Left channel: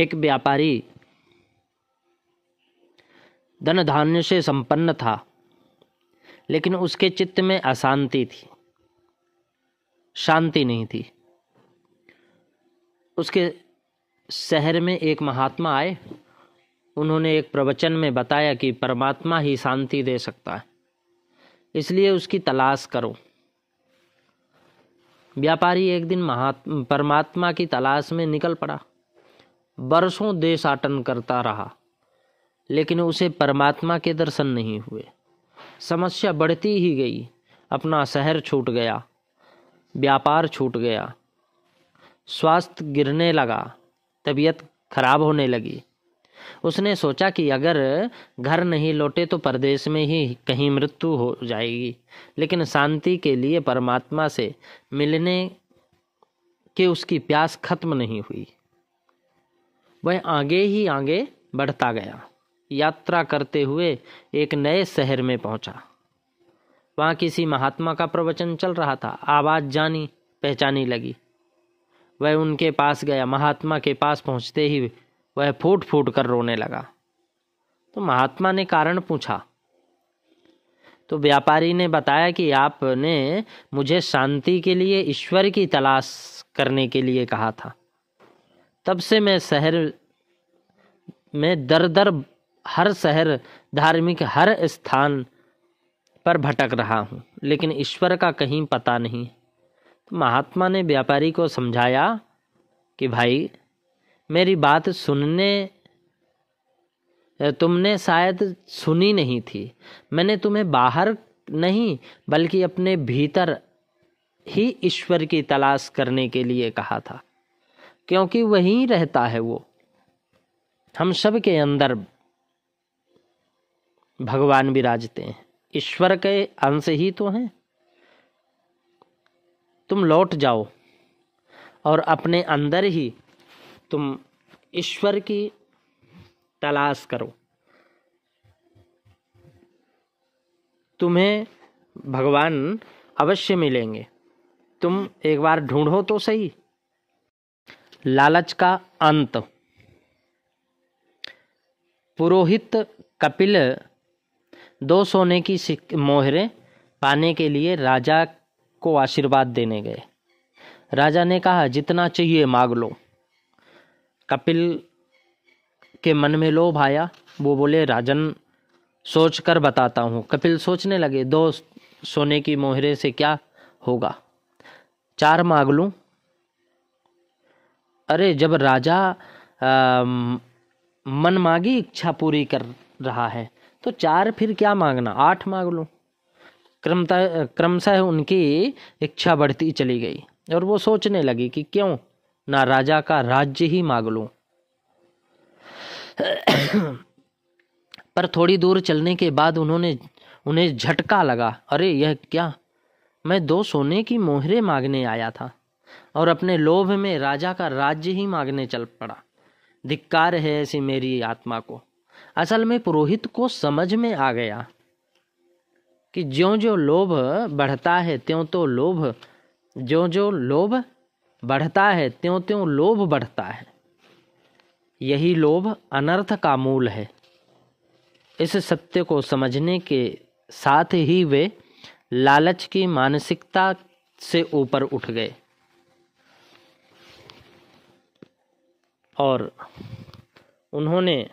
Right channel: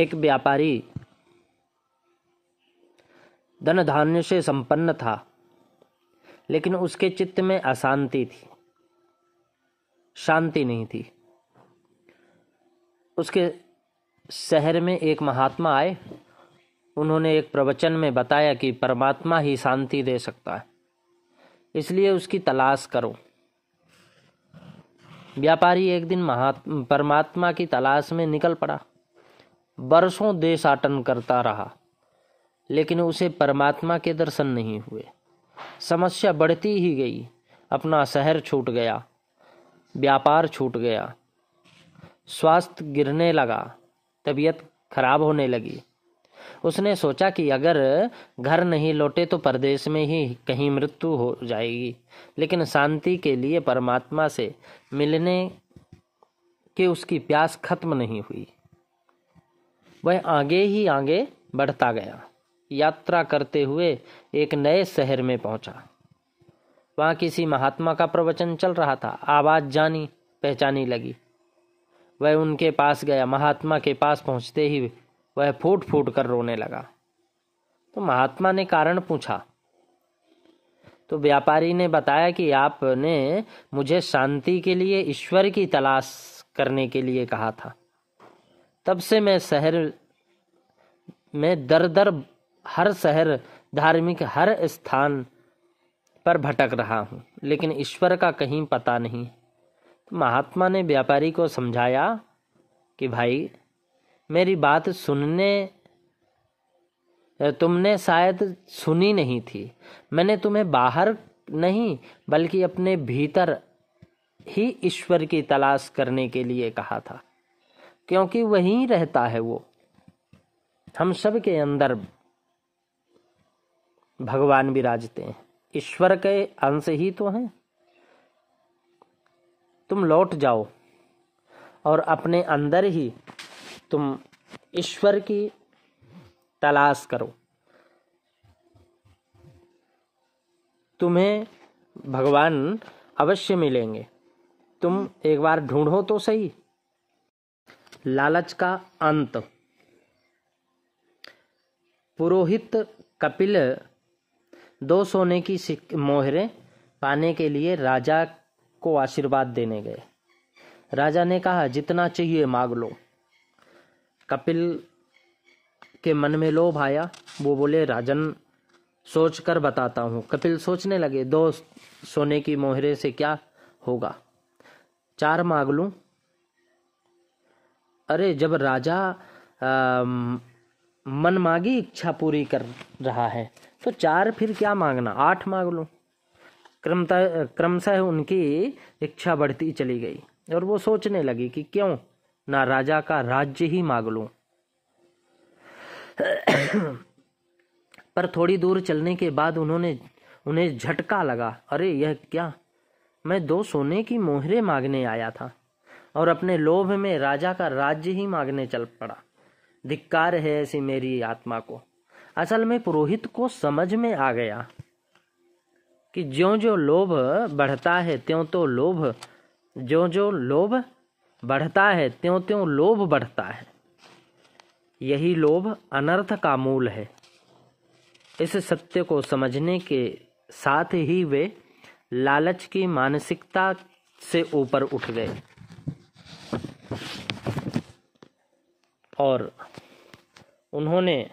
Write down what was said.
एक व्यापारी धन धान्य से संपन्न था, लेकिन उसके चित्त में अशांति थी, शांति नहीं थी। उसके शहर में एक महात्मा आए। उन्होंने एक प्रवचन में बताया कि परमात्मा ही शांति दे सकता है, इसलिए उसकी तलाश करो। व्यापारी एक दिन परमात्मा की तलाश में निकल पड़ा। बरसों देशाटन करता रहा, लेकिन उसे परमात्मा के दर्शन नहीं हुए। समस्या बढ़ती ही गई। अपना शहर छूट गया, व्यापार छूट गया, स्वास्थ्य गिरने लगा, तबीयत खराब होने लगी। उसने सोचा कि अगर घर नहीं लौटे तो परदेश में ही कहीं मृत्यु हो जाएगी, लेकिन शांति के लिए परमात्मा से मिलने की उसकी प्यास खत्म नहीं हुई। वह आगे ही आगे बढ़ता गया। यात्रा करते हुए एक नए शहर में पहुंचा। वहां किसी महात्मा का प्रवचन चल रहा था। आवाज जानी पहचानी लगी। वह उनके पास गया। महात्मा के पास पहुंचते ही वह फूट फूट कर रोने लगा। तो महात्मा ने कारण पूछा, तो व्यापारी ने बताया कि आपने मुझे शांति के लिए ईश्वर की तलाश करने के लिए कहा था। तब से मैं शहर में दर दर हर शहर, धार्मिक हर स्थान पर भटक रहा हूँ, लेकिन ईश्वर का कहीं पता नहीं। तो महात्मा ने व्यापारी को समझाया कि भाई, मेरी बात तुमने शायद सुनी नहीं थी। मैंने तुम्हें बाहर नहीं बल्कि अपने भीतर ही ईश्वर की तलाश करने के लिए कहा था, क्योंकि वहीं रहता है वो। हम सब के अंदर भगवान विराजते हैं, ईश्वर के अंश ही तो हैं। तुम लौट जाओ और अपने अंदर ही तुम ईश्वर की तलाश करो। तुम्हें भगवान अवश्य मिलेंगे। तुम एक बार ढूंढो तो सही। लालच का अंत। पुरोहित कपिल 2 सोने की मोहरें पाने के लिए राजा को आशीर्वाद देने गए। राजा ने कहा, जितना चाहिए मांग लो। कपिल के मन में लोभ आया। वो बोले, राजन सोच कर बताता हूँ। कपिल सोचने लगे, 2 सोने की मोहरे से क्या होगा, 4 मांग लूं। अरे, जब राजा मन मांगी इच्छा पूरी कर रहा है तो 4 फिर क्या मांगना, 8 मांग लूं। क्रमशः उनकी इच्छा बढ़ती चली गई और वो सोचने लगी कि क्यों ना राजा का राज्य ही मांग लूं। पर थोड़ी दूर चलने के बाद उन्हें झटका लगा। अरे, यह क्या, मैं 2 सोने की मोहरें मांगने आया था और अपने लोभ में राजा का राज्य ही मांगने चल पड़ा। धिक्कार है ऐसी मेरी आत्मा को। असल में पुरोहित को समझ में आ गया कि ज्यों-ज्यों लोभ बढ़ता है त्यों-त्यों लोभ बढ़ता है, त्यों-त्यों लोभ बढ़ता है। यही लोभ अनर्थ का मूल है। इस सत्य को समझने के साथ ही वे लालच की मानसिकता से ऊपर उठ गए और उन्होंने